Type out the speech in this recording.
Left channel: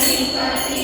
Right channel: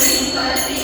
assim para sempre.